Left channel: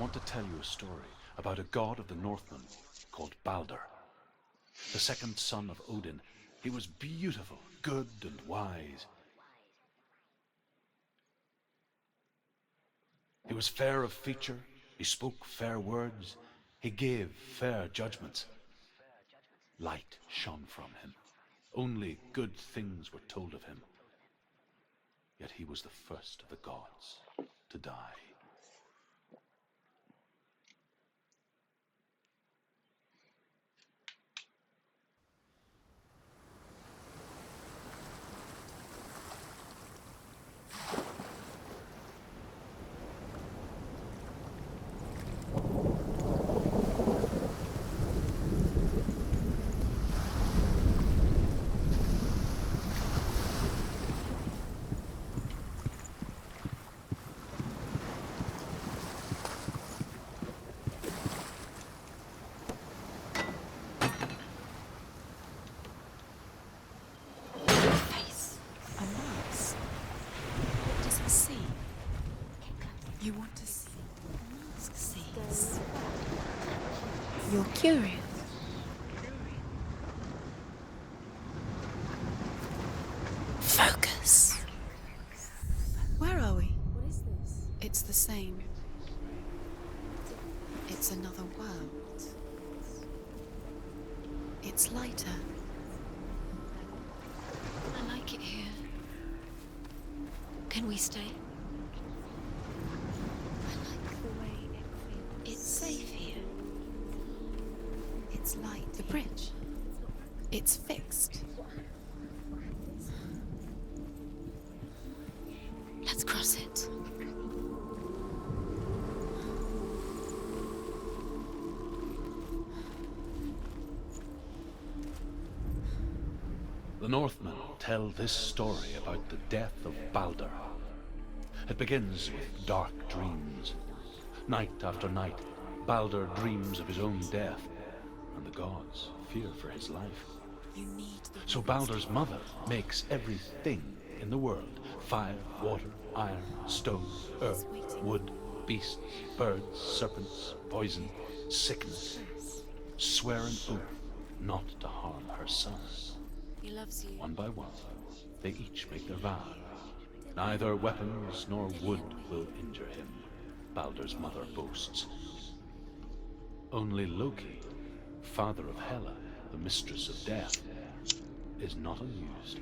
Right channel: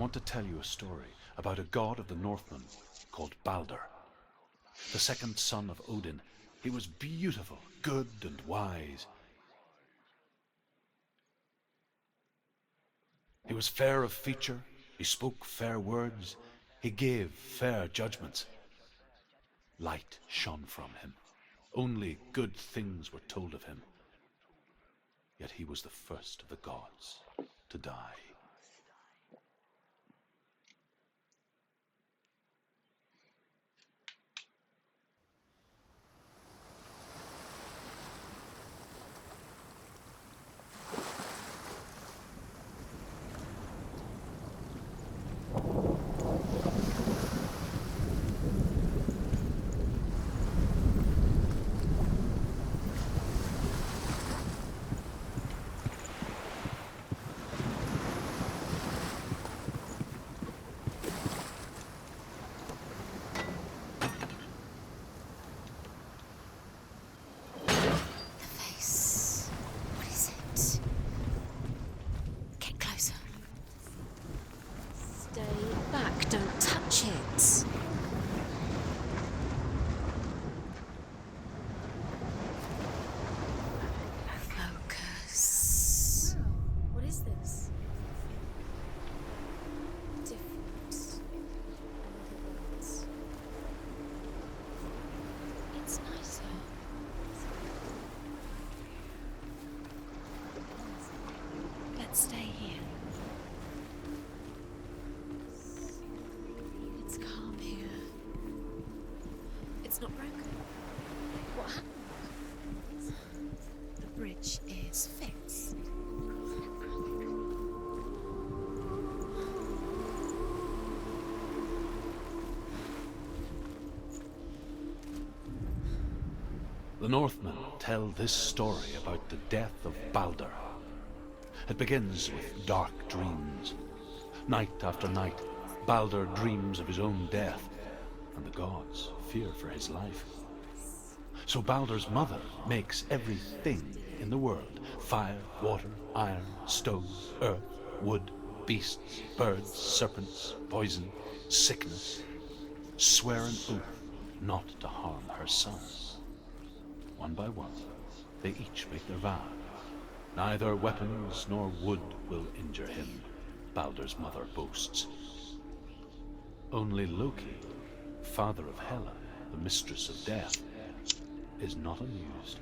want to tell you a story about a god of the Northmen called Balder. The second son of Odin. He was beautiful, good and wise. He was fair of feature, he spoke fair words, he gave fair judgments. Light shone from him. Only good things were told of him. Yet he was the first of the gods to die. Focus. Where are we? What is this? It's the same. It's another world. It's lighter. It's nicer. I like it here. Can we stay? Let's stay here. It's safe here. It's calm here. It's light. The bridge. It's not broken. It's fixed. What? The bridge is fixed. Let's cross it. The Northmen tell this story about the death of Balder. It begins with dark dreams. Night after night, Balder dreams of his own death, and the gods fear for his life. So Balder's mother makes everything in the world: fire, water, iron, stone, earth, wood, beasts, birds, serpents, poison, sickness. Swear an oath not to harm her sons. One by one, they each make their vow. Neither weapons nor wood will injure him, Balder's mother boasts. Only Loki, father of Hela, the mistress of death, is not amused.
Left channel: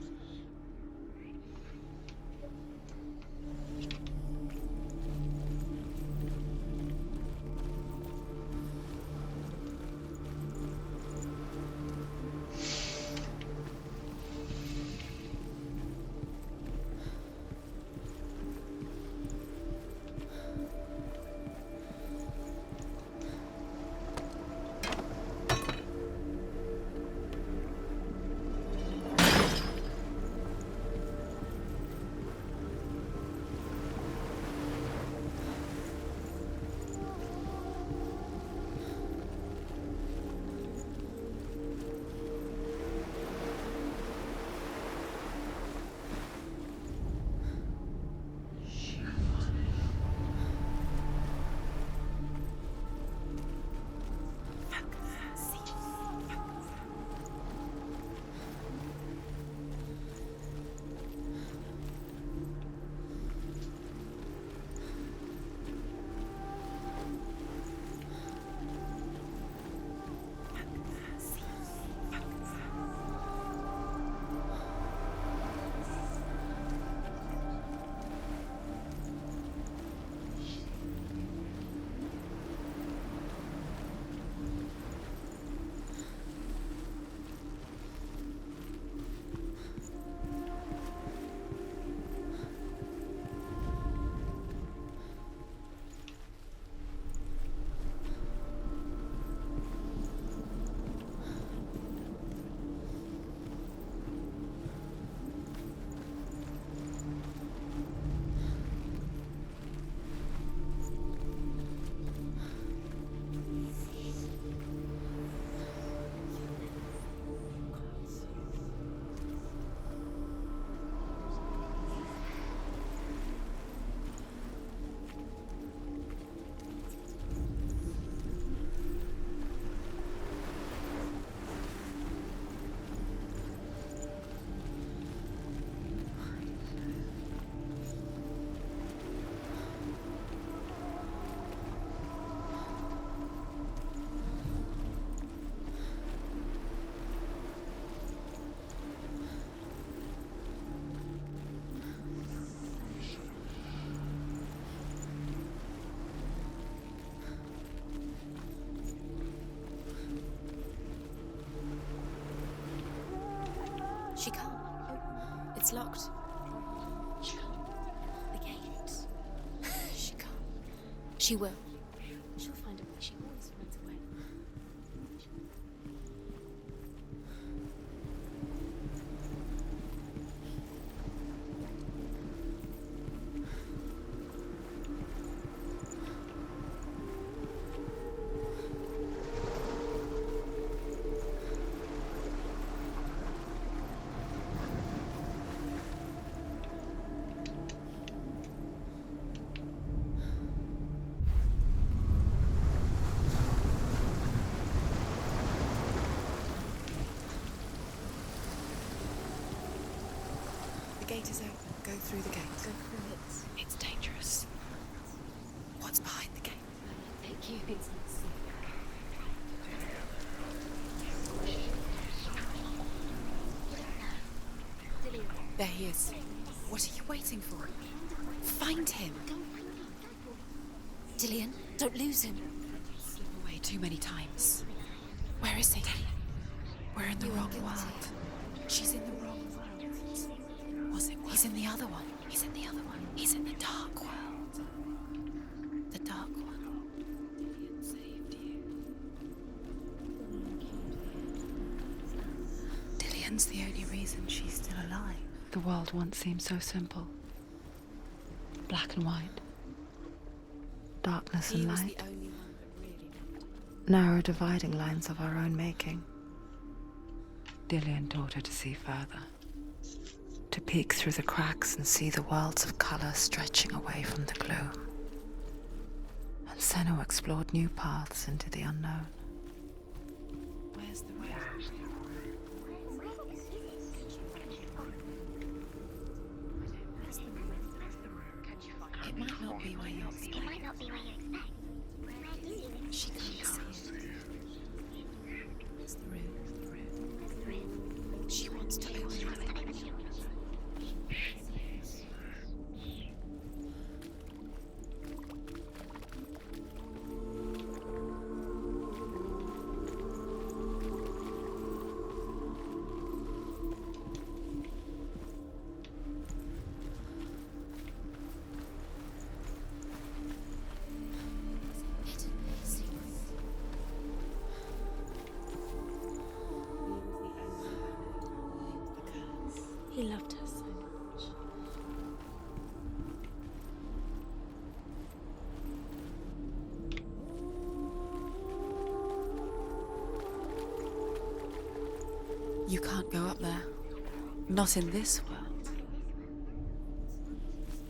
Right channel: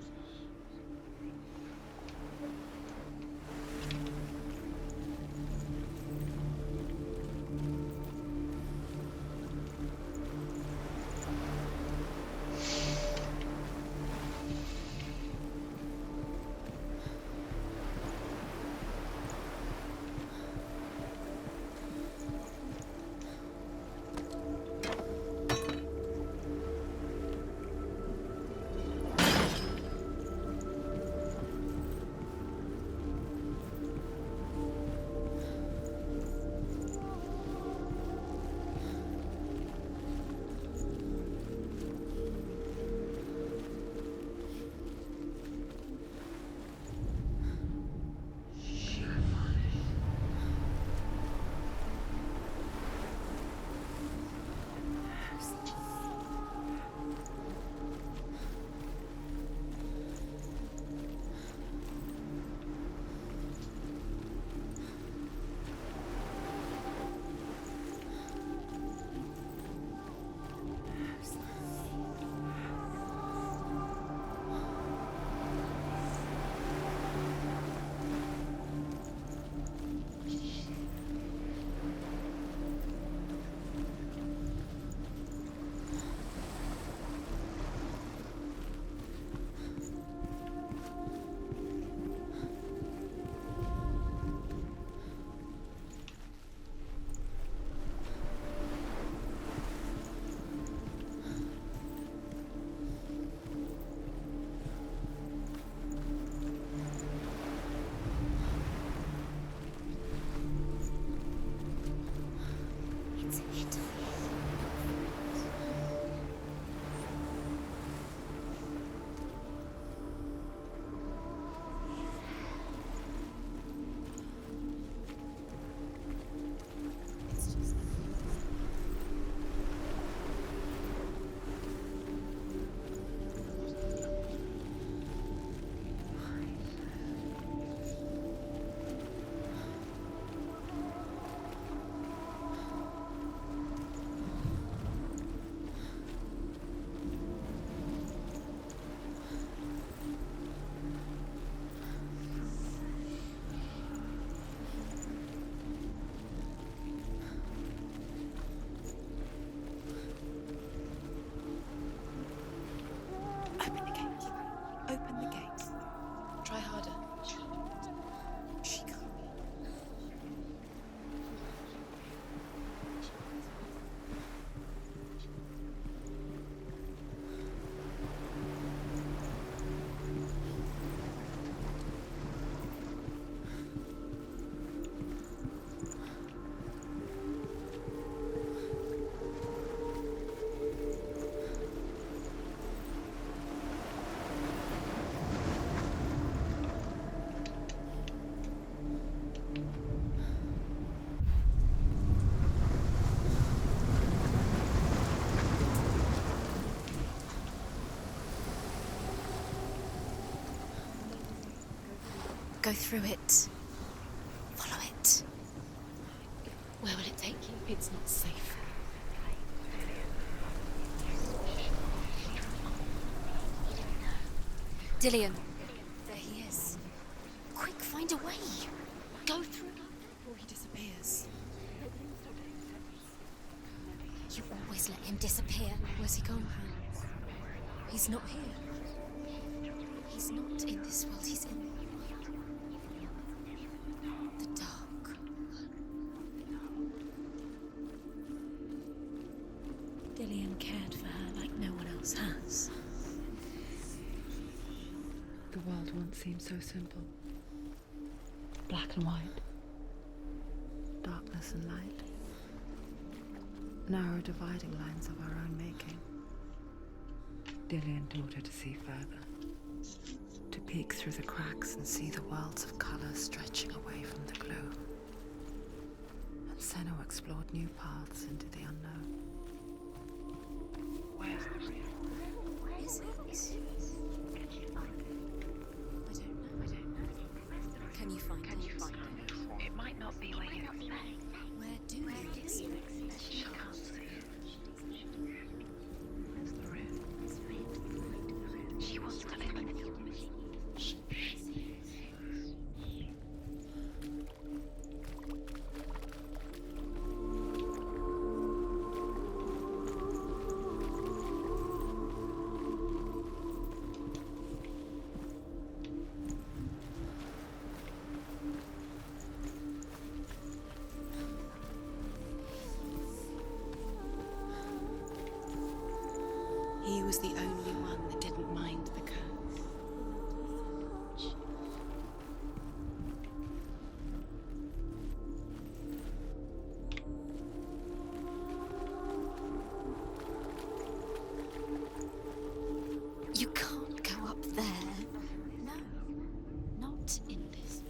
She will. She'll find a way. She always finds a way. Go through it. It's dangerous. Follow it. What's behind the gate? Where will it take you? It's not safe. Dillion. There he is. There he is. What are you waiting for? Quick, find a way. Find him. Go through before he disappears. Dillion, don't lose him. Slip away too many times. You always let him disappear. Where is he? Where is he gone? We're in the wrong world. He's not here. She's in the wrong world. He's not in this world. He's in the other one. He's in the other one. He's in the dark world. The dark. The dark world. Saved you. Dillion cared for her like no one else has. Dillion's the only reason she's still alive. The world once seemed so simple. Black and white. Darkness and light. Narrow dividing lines of our own making. Dillion taught her to see further. To peek through the cracks and see the worlds of color stretching away from the gloom. And Senua explored new paths into the unknown. Where's the way? Can you find it? It might not be where you expect. Where do you expect? She can't. It's the room. She wants to He was the only one that didn't mind the curse. He loved her so much. You can't go up there. You can't go up there. Not in this world. No. Not in this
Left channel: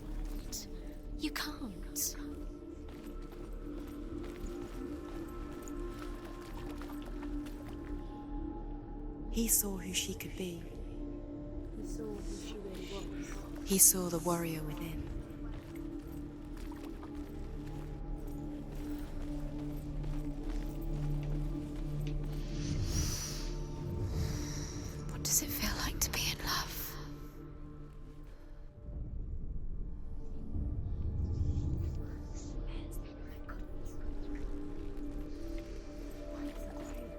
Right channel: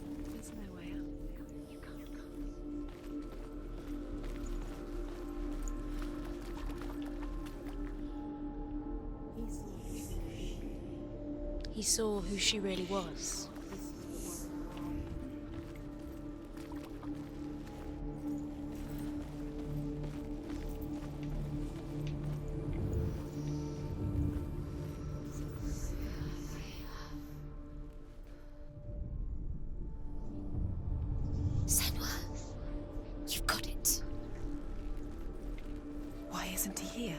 world. You can't. He saw who she could be. He saw who she really was. He saw the warrior within. What does it feel like to be in love? Senua, you've got it. Why isn't he here?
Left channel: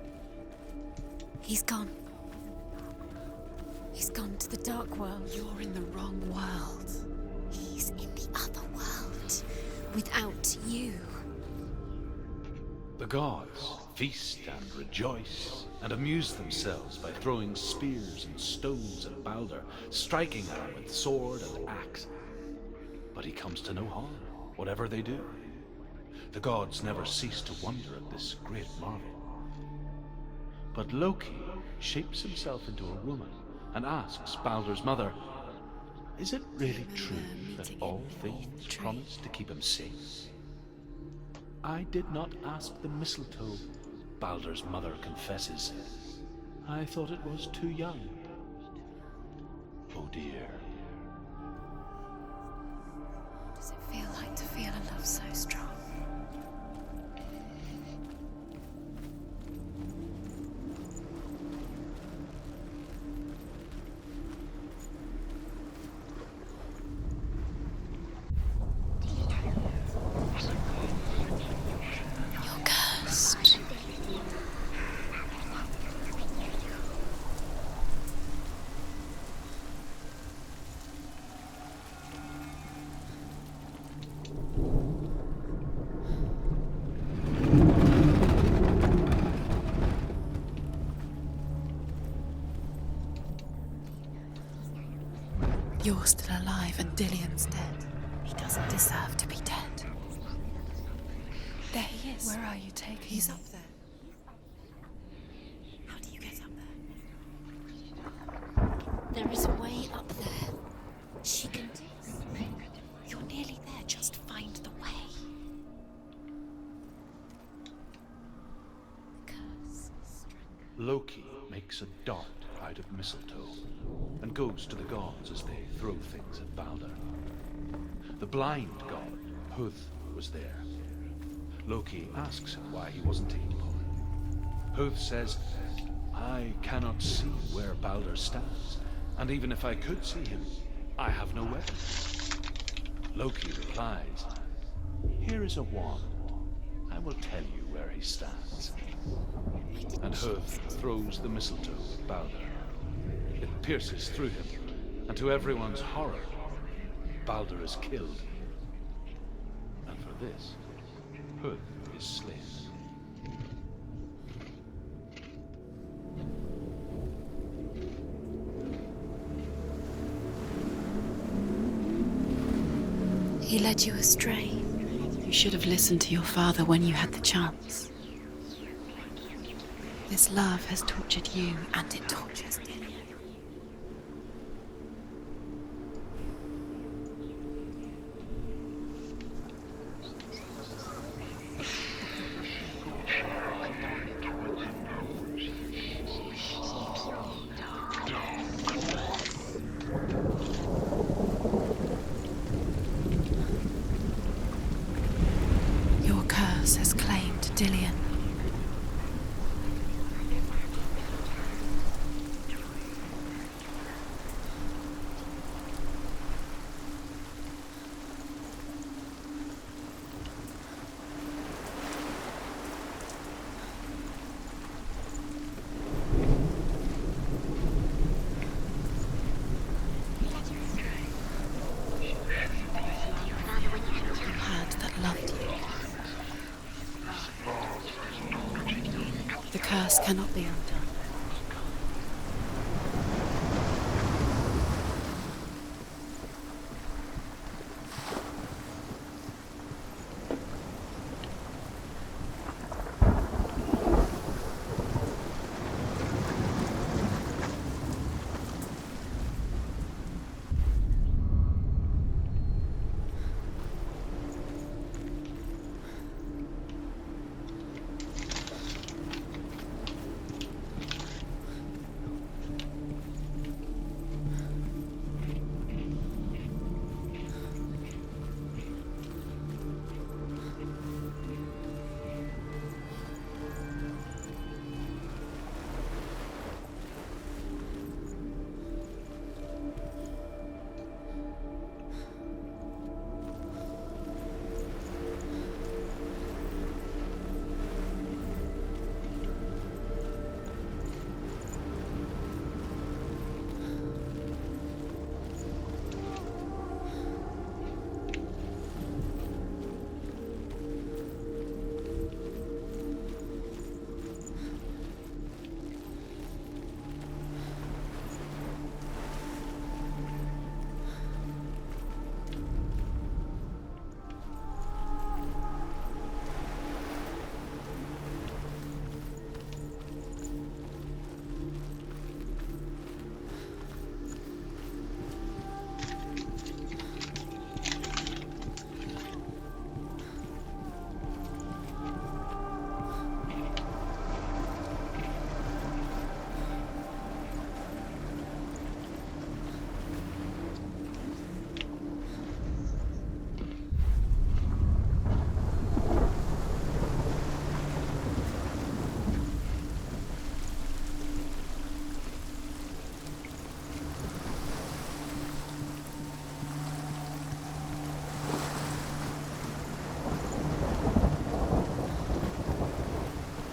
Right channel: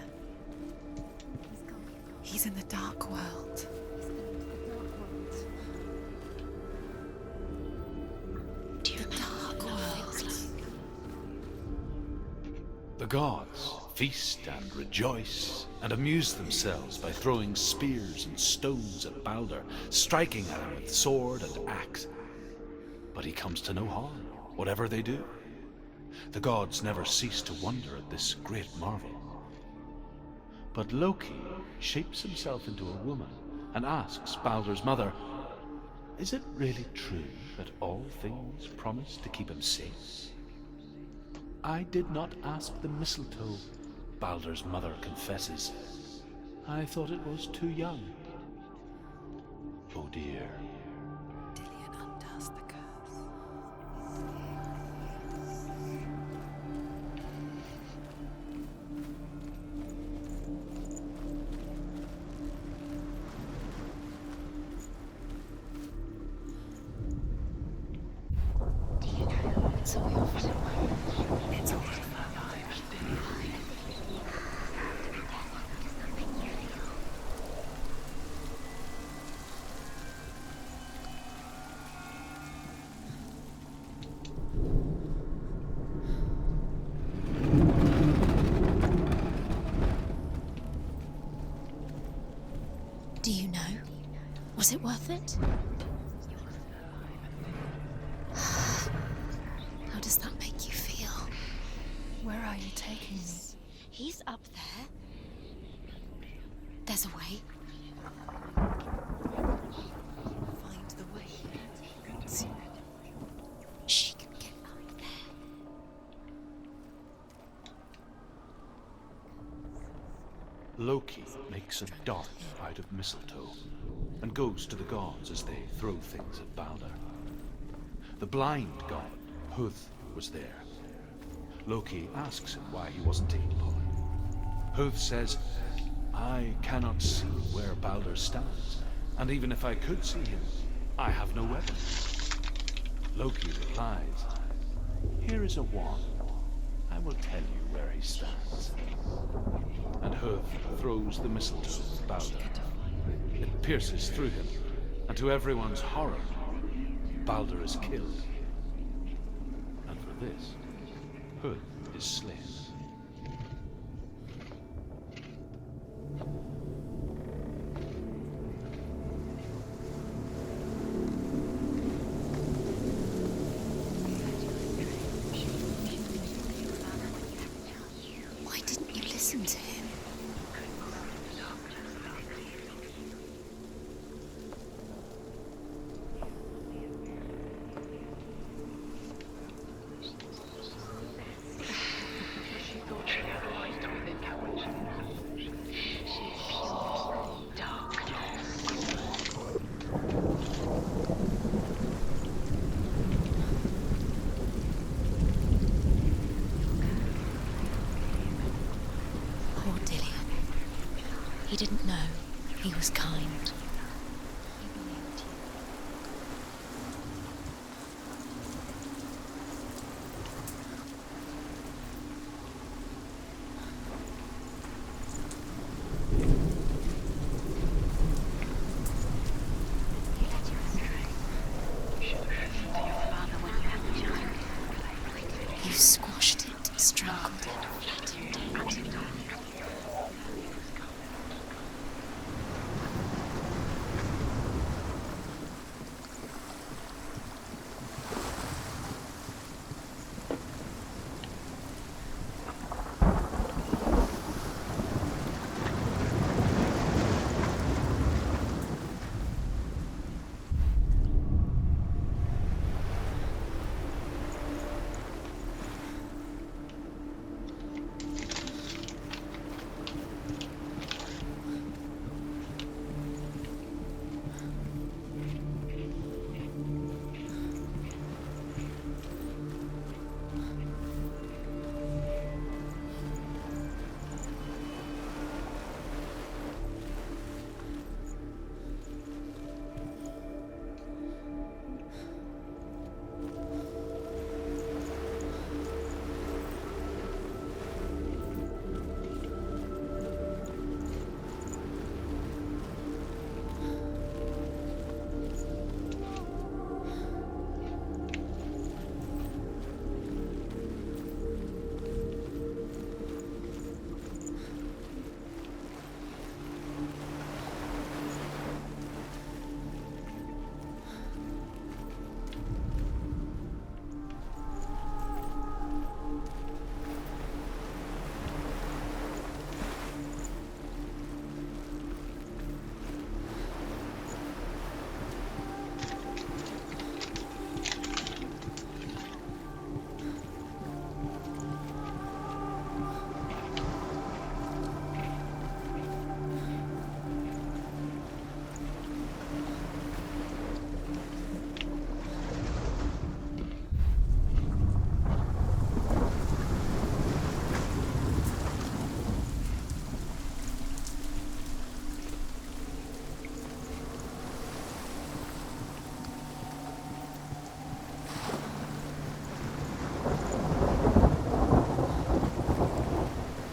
He's gone. He's in the dark world. He's gone to the dark world. You're in the wrong world. He's in the other world. The dark world. Without you. The gods feast and rejoice and amuse themselves by throwing spears and stones at Baldur, striking at him with sword and axe. But he comes to no harm, whatever they do. The gods never cease to wonder at this great marvel. But Loki shapes himself into a woman and asks Baldur's mother, is it really true that all things promise to keep him safe? I did not ask the mistletoe, Baldur's mother confesses. I thought it was too young. Oh dear. Dillion undoes the curse. Does it feel like to feel a love so strong? Was it worth it? You're still alive and Dillian's dead. He doesn't deserve to be dead. How does that make you feel? There he is. Where are you taking me? He's up there. How do you get up there? There's a way. There is a way up there. Find the way. She can do it. You're nearly there. Just find the way. Loki makes a dart out of mistletoe and goes to the gods as they throw things at Balder. The blind god, Huth, was there. Loki asks him why he wasn't taking part. Huth says, I cannot see where Balder stands, and even if I could see him, I have no weapon. Loki replies, here is a wand. I will tell you where he stands. And Huth throws the mistletoe at Balder. It pierces through him, and to everyone's horror, Balder is killed. And for this, Huth is slain. He led you astray. You should have listened to your father when you had the chance. Why didn't you listen to him? This love has tortured you, and it tortures me. Your curse has claimed Dillian. Oh, Dillian. He didn't know. He was kind. Hand that loved you, you squashed it, strangled it. The curse cannot be undone.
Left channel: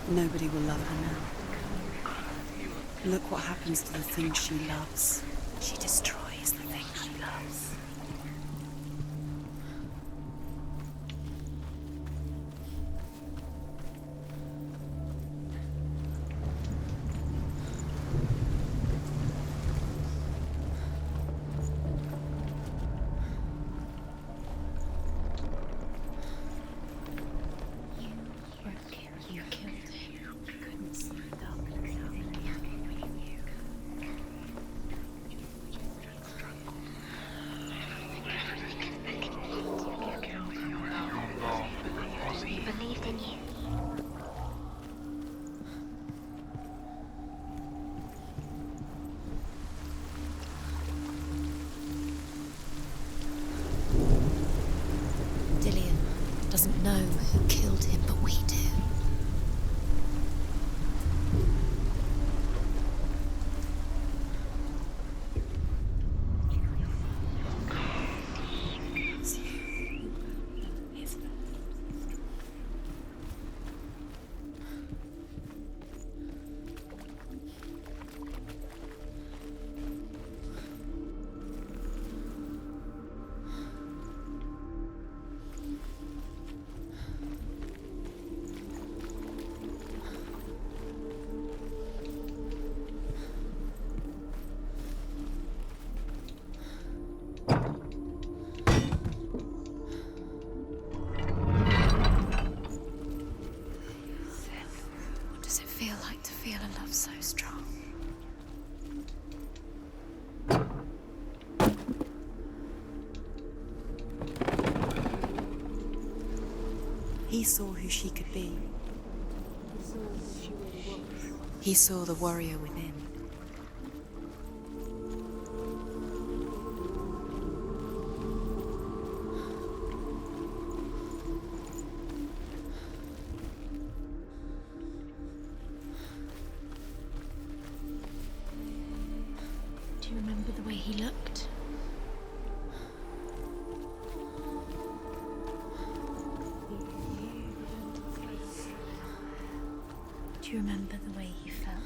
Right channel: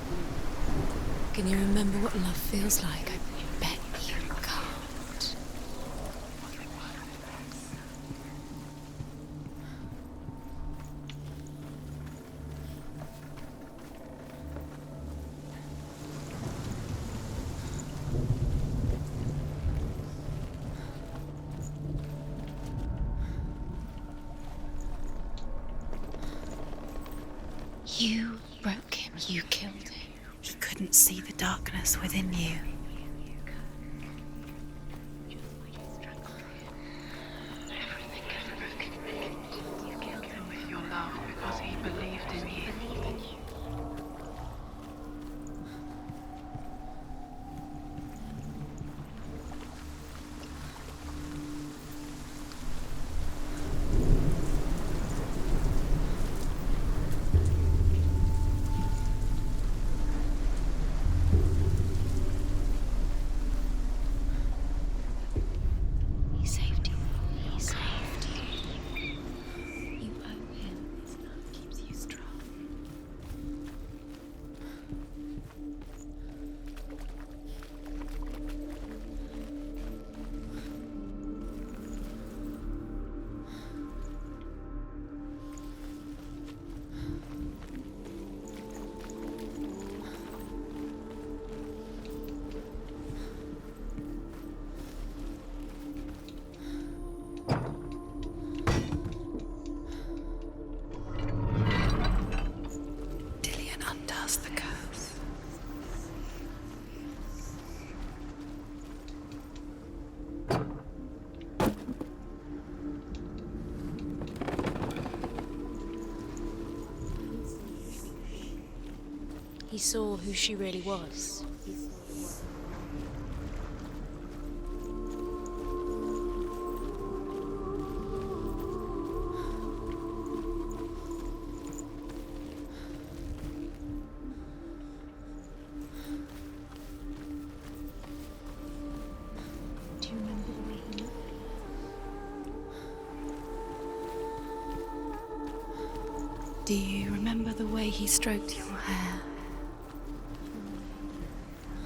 Nobody will love her now. Can you remember what love feels like? Look what happens to the things she loves. She destroys the thing she loves. You broke him. You killed him. He couldn't see the darkness within you. Dillian doesn't know who killed him, but we do. He saved you. He saved you. You owe him. His love keeps you strong. Dillian undoes the curse. What does it feel like to feel a love so strong? He saw who she could be. He saw who she really was. He saw the warrior within. Do you remember the way he looked? Do you remember the way he stroked your hair? Do you remember the way you felt?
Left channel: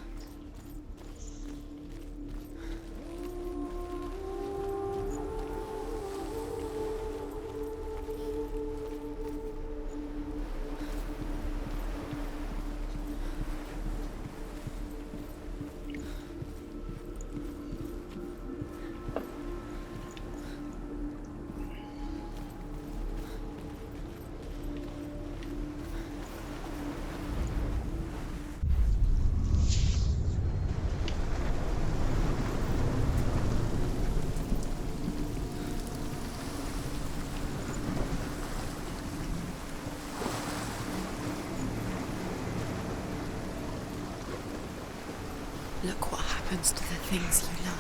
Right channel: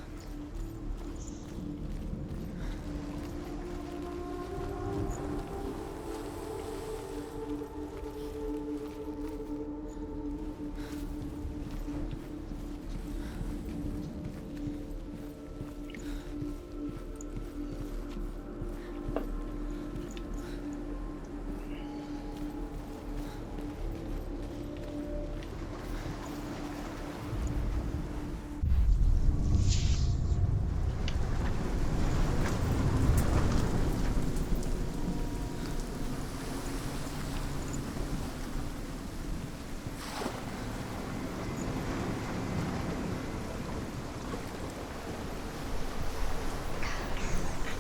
Look what happens to the things like that.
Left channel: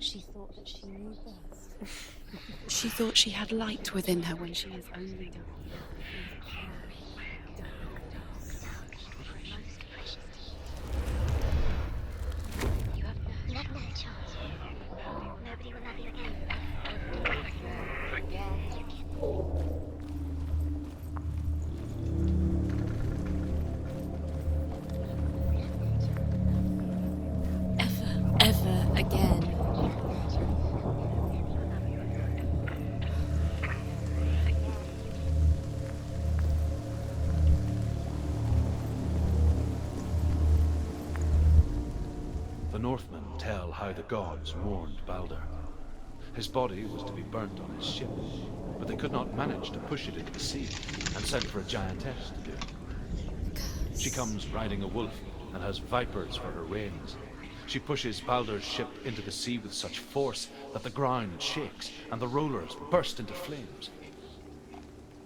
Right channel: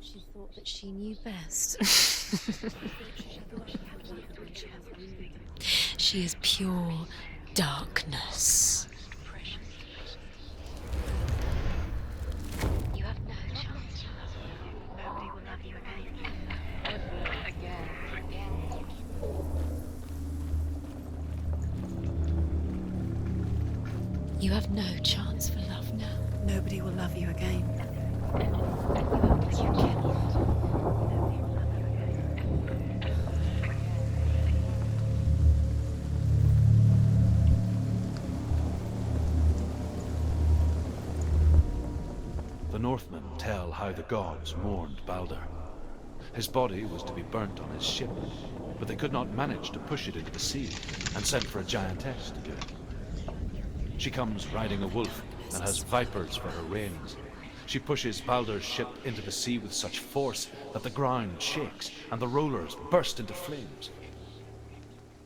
She thought that she knew best. She thought she had light within her when she was only. She is pure darkness. You have no chance. Nobody will love you again. You have no chance for love now. Nobody will love you again. Ever again. The Northmen tell how the gods mourned Balder. His body was to be burnt on his ship, but they could not manage to push it into the sea, and sent for a giantess to do it. She comes riding a wolf and has vipers for her reins. She pushes Balder's ship into the sea with such force that the ground shakes and the rollers burst into flames.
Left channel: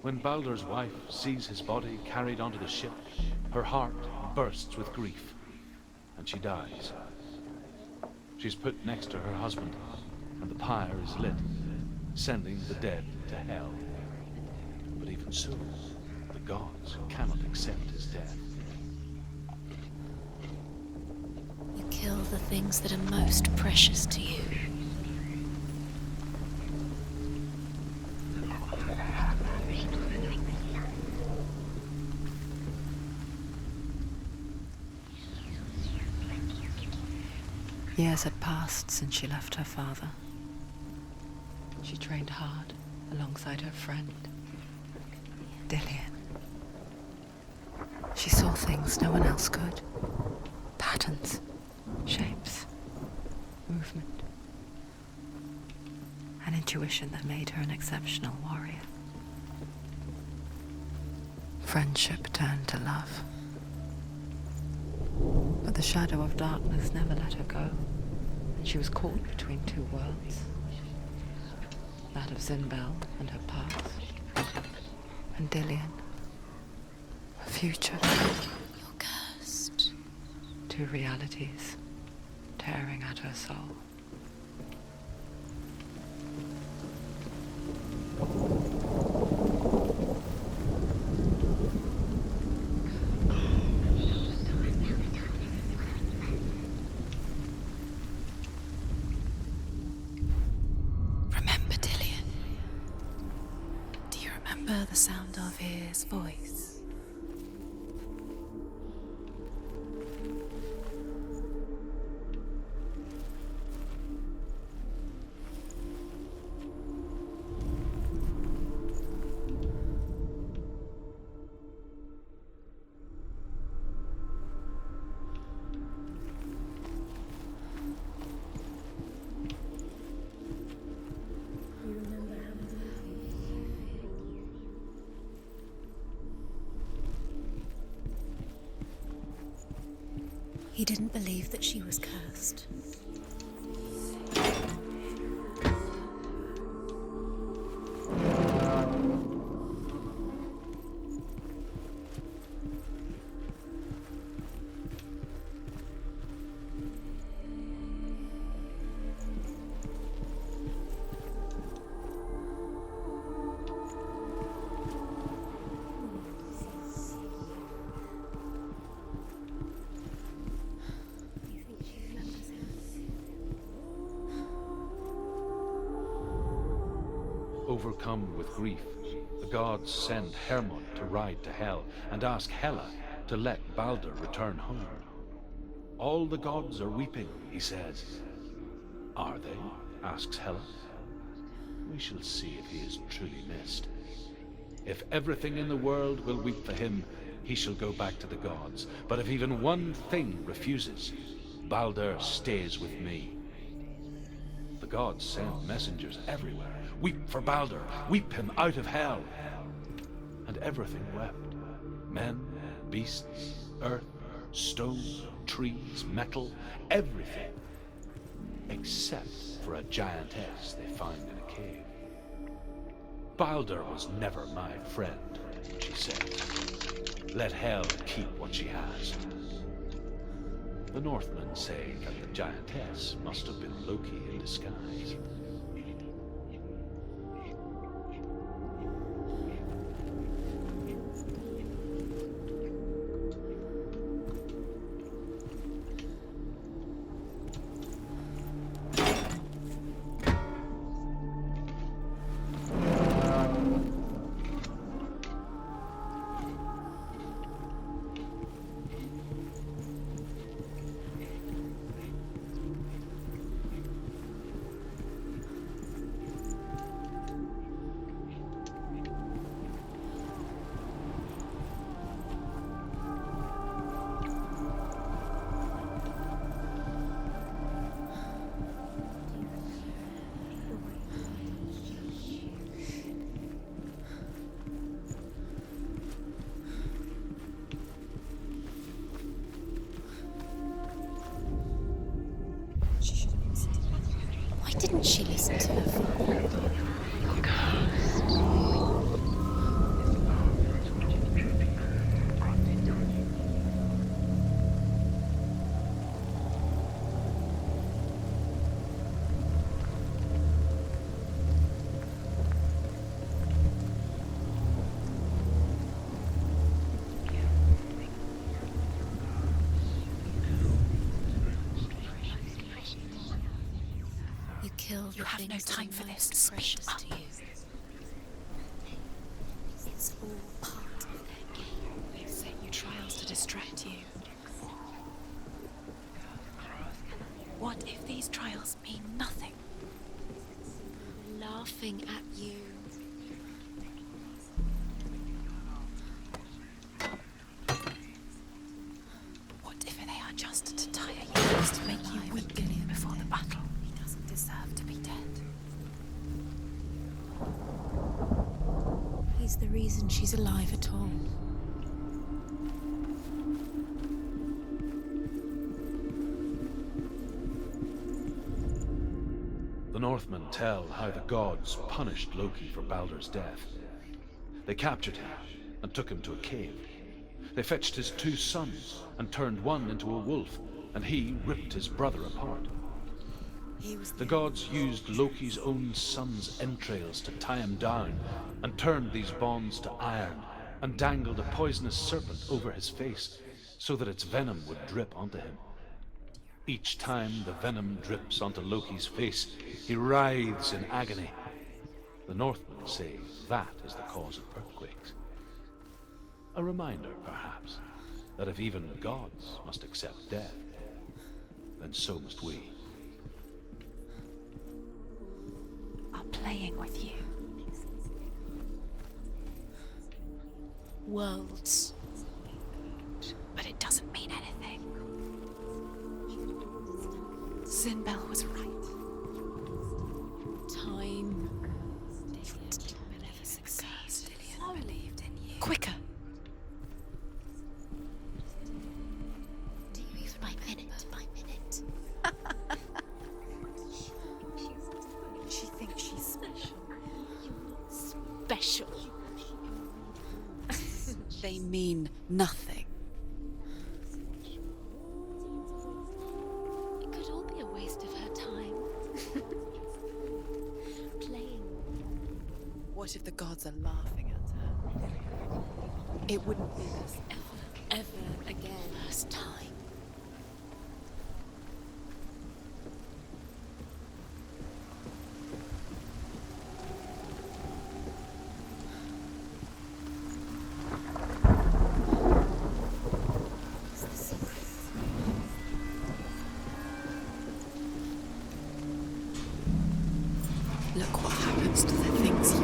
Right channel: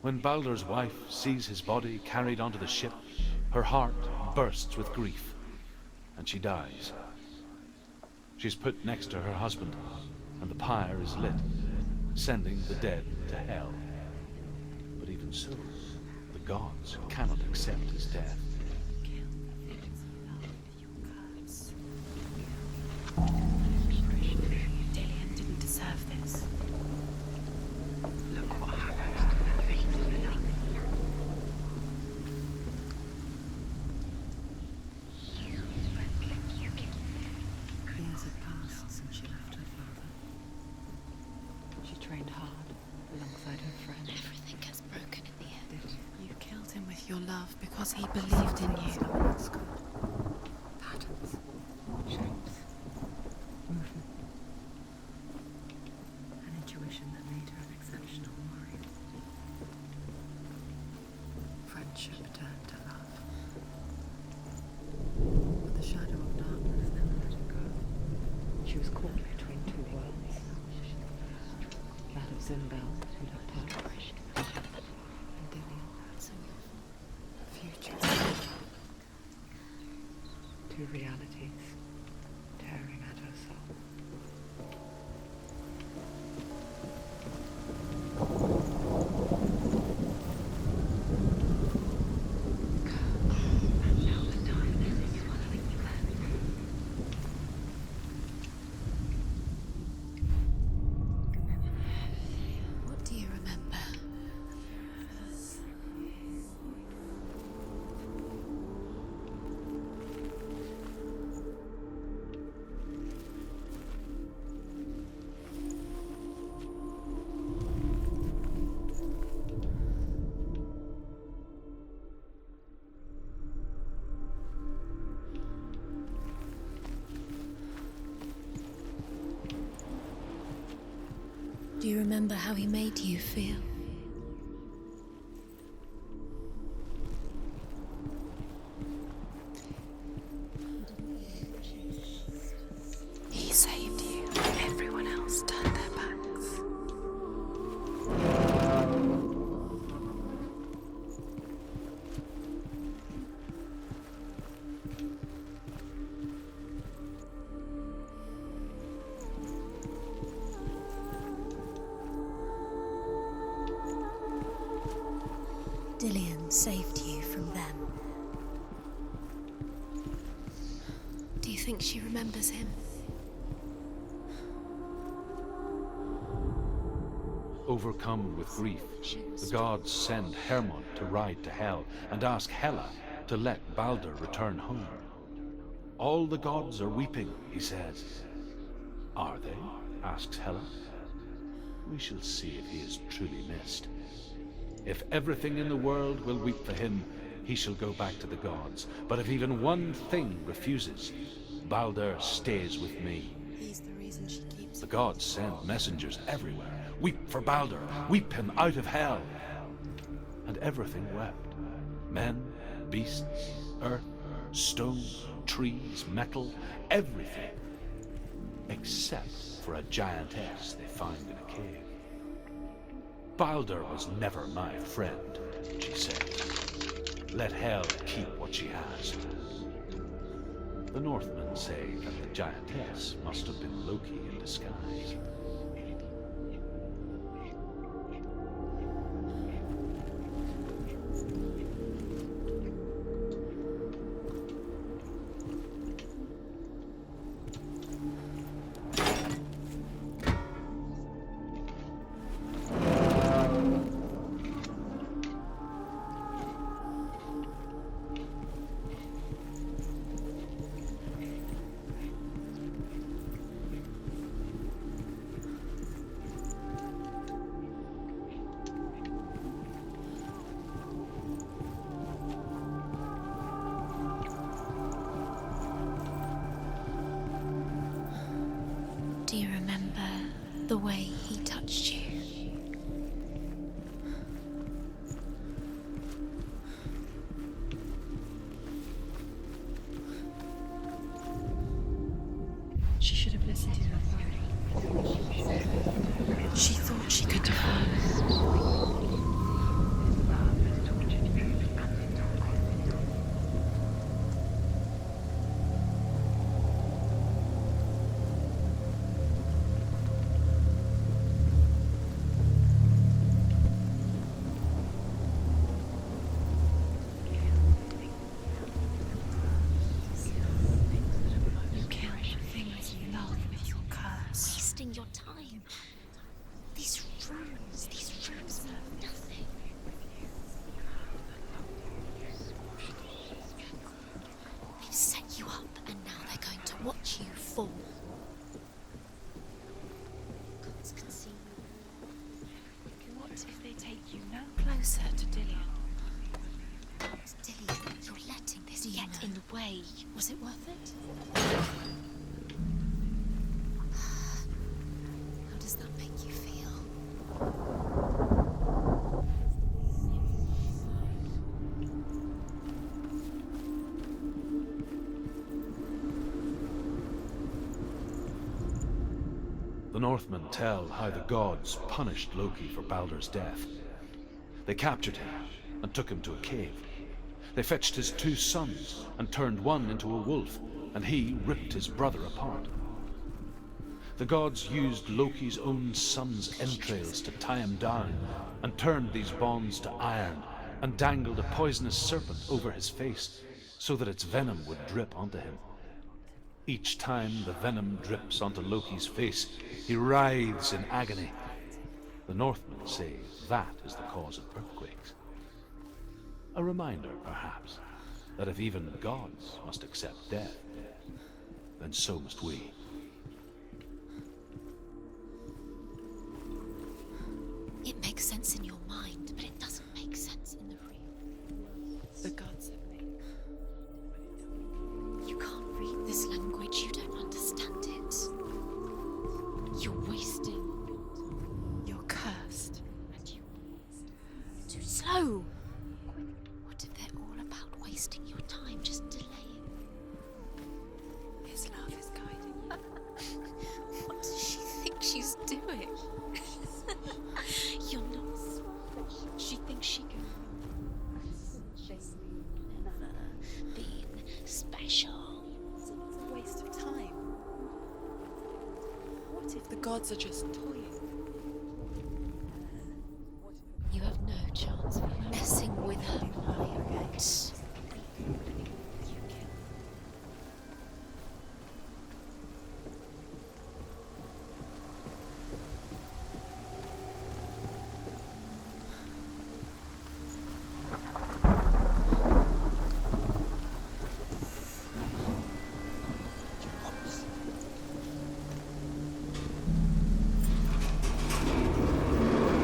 When Balder's wife sees his body carried onto the ship, her heart bursts with grief, and she dies. She's put next to her husband, and the pyre is lit, sending the dead to hell. But even so, the gods cannot accept his death. You kill the things that are most precious to you. Didn't deserve this. Look what happened. Years had passed since she left her father. She trained hard alongside her friend, Everything has broken in the end. Dillian. You killed him with your love because he She saw things no one else could. Patterns, shapes, movement. An intuition that made her an exceptional warrior. Friendship turned to love. But the shadow of darkness never let her go. She was caught between two worlds. That of Zimbel and her past. And Dillian. A future. You're cursed. Two realities tearing at her soul. Remember Dillian? Do you remember? Do you remember the sound of his voice? Do you remember how he made you feel? He didn't believe that she was cursed. He saved you. Everyone else turned their backs. Dillian saved you from them. Do you think she remembers him? Overcome with grief, the gods send Hermod to ride to Hell and ask Hela to let Baldur return home. All the gods are weeping, he says. Are they? Asks Hela. We shall see if he is truly missed. If everything in the world will weep for him, he shall go back to the gods. But if even one thing refuses, Baldur stays with me. The gods send messengers everywhere. Weep for Baldur, weep him out of hell. And everything wept. Men, beasts, earth, stone, trees, metal, everything. Except for a giantess they find in a cave. Baldur was never my friend, she said. Let Hel keep what she has. The Northmen say that the giantess must have been Loki in disguise. Do you remember the way he touched you? She should have listened to her. Why didn't she listen to her? She thought she could. You have no time for this. Speak up. Trials to distract you. He set you up, and now they're going to watch you fall. What if laughing at you. What if they take you no closer to Dillion? Dillion, you're letting this get in the way. What if it isn't just to tire you, just to make you weak before the battle? He doesn't deserve to be dead. How does that make you feel? He's the reason she's alive at all. The Northmen tell how the gods punished Loki for Baldur's death. They captured him and took him to a cave. They fetched his 2 sons and turned one into a wolf, and he ripped his brother apart. The gods used Loki's own son's entrails to tie him down, and turned these bonds to iron, and dangled a poisonous serpent over his face, so that its venom would drip onto him. Each time the venom drips onto Loki's face, he writhes in agony. The Northmen say that is the cause of earthquakes. A reminder, perhaps, that if even gods must accept death, then so must we. Are playing with you. It makes sense in your mind, but it doesn't make sense in the worlds the gods have made. But it doesn't mean anything. You can't read this language, you don't understand. Sinbel was right. You wasted time. You're cursed. Slow, quicker. What if they're all about wasting your time? Just delay it. Do you even by minute? What does she think she's doing? You're not special. She thinks she can. They mean nothing. Being special. Waste of time. Could all be a waste of her time. What if the gods are just playing? What if the gods are laughing? You have no chance of messing with her. It would hurt ever again. First time. Look what happens to the things in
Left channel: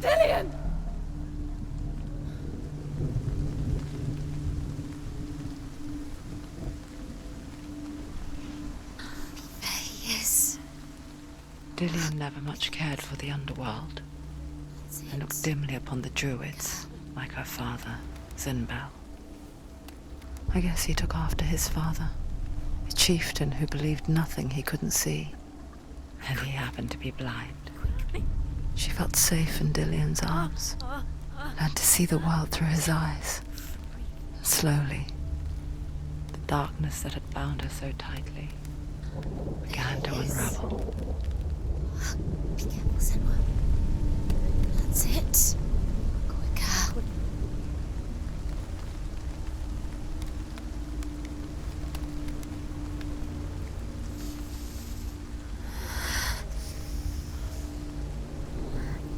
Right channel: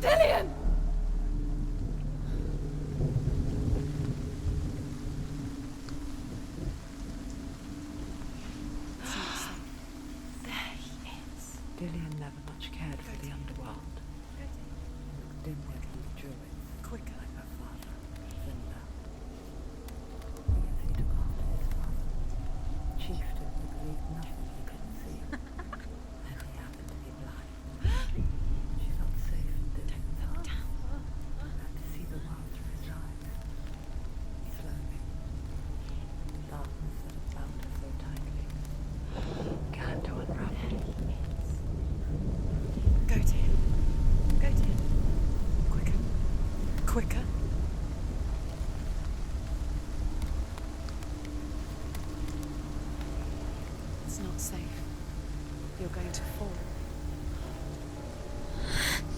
Dillion! Yes. Dillion never much cared for the underworld, and looked dimly upon the druids, like her father, Sinbel. I guess he took after his father, a chieftain who believed nothing he couldn't see, and he happened to be blind. She felt safe in Dillion's arms, learned to see the world through his eyes. And slowly, the darkness that had bound her so tightly began to unravel. That's it. Quicker. Quicker. It's not safe. You're going to fall.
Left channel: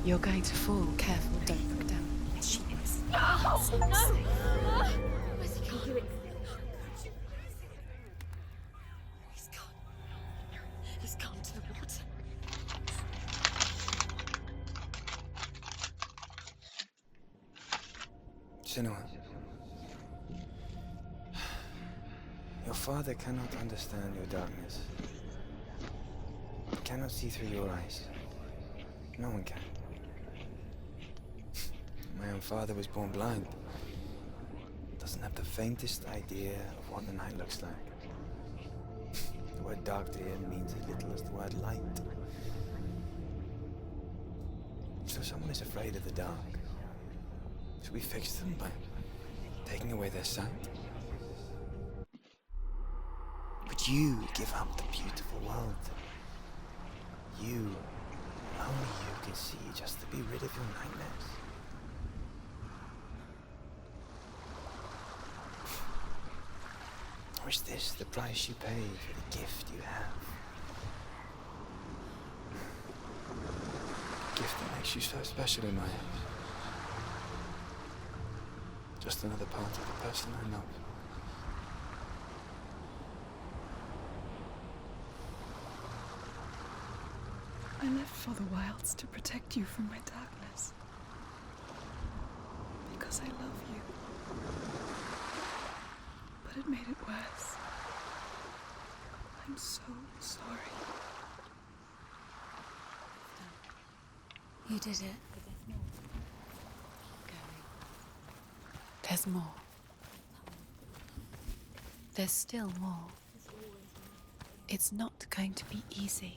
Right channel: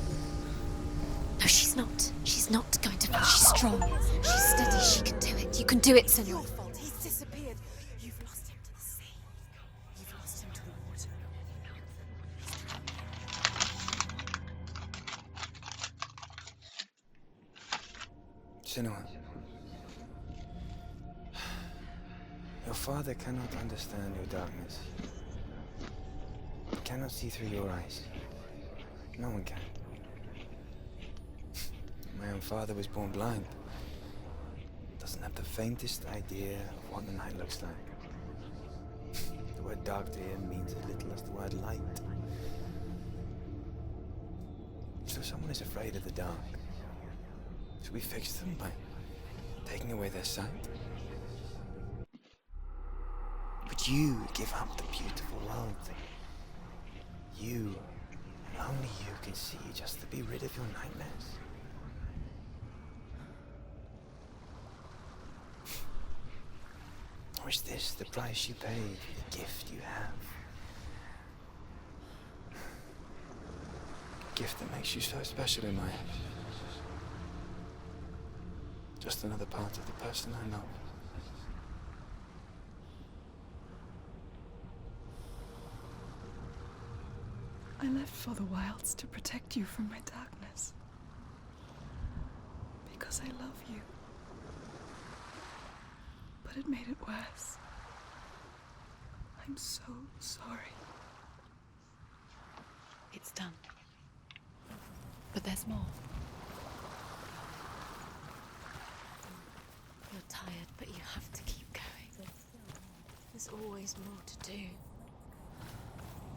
You're going to fall. Careful. No, she's not. She's not going to fall. She's strong. She's steady. She can do it. You can do it, Senua. He's disappeared. You've lost him to the sea. He's gone. You've lost him to the... Just come to the water. Senua, your father cannot understand your darkness. He cannot see through your eyes. No one can. My own father was born blind. Doesn't have the faintest idea of what the night looks like. The word dark to him means as little as the word light. So someone is afraid of the dark. Should we fix them by taking away their sight? Would you give up the beautiful world that you, only you can see, just to be rid of your nightmares? Or is this the price you pay for the gift you have? gift that makes you so special in my eyes. Just another part of the person I love. I left for the wilds to protect you from my darkness. Because I love you. But it made it worse. I'm so sorry. It's done. You did it. But there's more. There's more. You're tired, but you have to keep going. There's still more. There's always more to do. It's not going to be easy.